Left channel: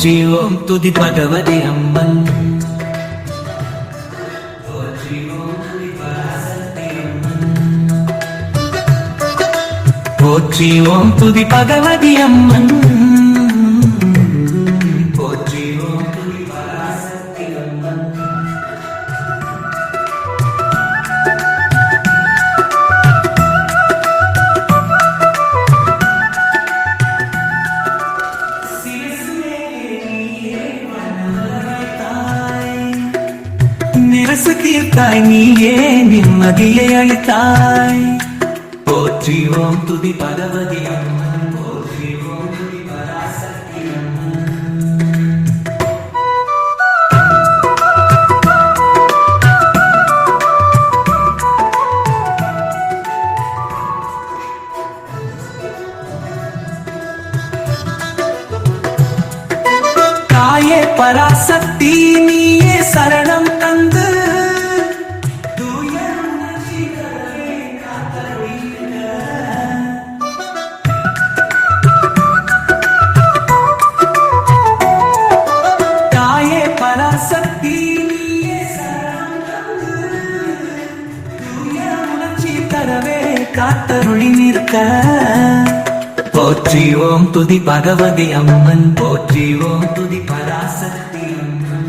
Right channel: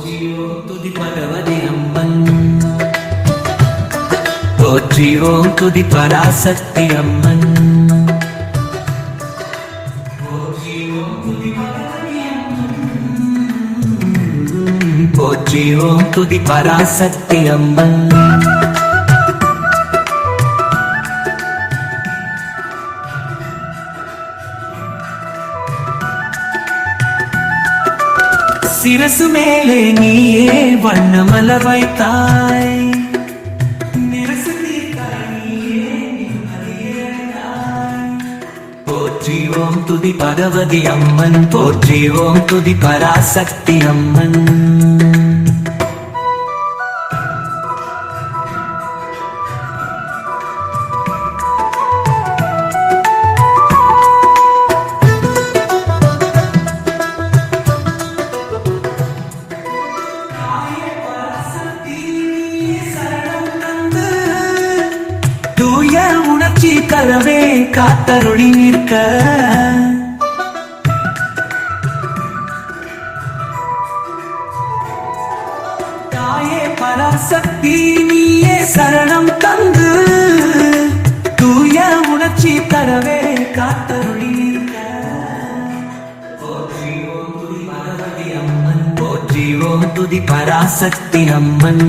போற்றி ஓம் துதி பகவதி அம்மன் போற்றி ஓம் துதி பராசக்தி அம்மன் போற்றி ஓம் துதி பகவதி அம்மன் போற்றி ஓம் துதி பராசக்தி அம்மன் சிரசு மேலே நீயே வண்ணமலர் வைத்தாய் நிரசு தீர்த்தாய் நீயே நிம்மதியை அளித்தாய் போற்றி ஓம் துதி பகவதி அம்மன் போற்றி ஓம் துதி பராசக்தி அம்மன் பராசக்தி நீயே சரணம் தந்து தூய உணர்ச்சி கரவே காத்தருளி நிற்க தாயே பராசக்தி நீயே சரணம் தந்து தூய உணர்ச்சி கரவே காத்தருளி நிற்க போற்றி ஓம் துதி பகவதி அம்மன் போற்றி ஓம் துதி பராசக்தி அம்மன்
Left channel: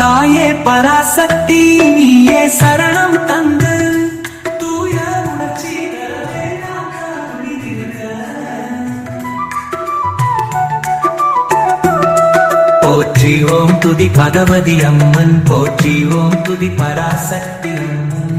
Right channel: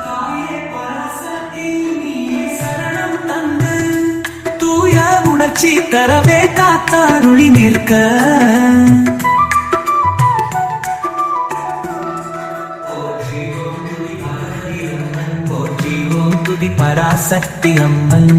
தாயே பராசக்தி நீயே சரணம் தந்து தூய உணர்ச்சி தரவே காத்தாருளி நிற்க போற்றி ஓம் துதி பகவதி அம்மன் போற்றி ஓம் துதி பராசக்தி அம்மன்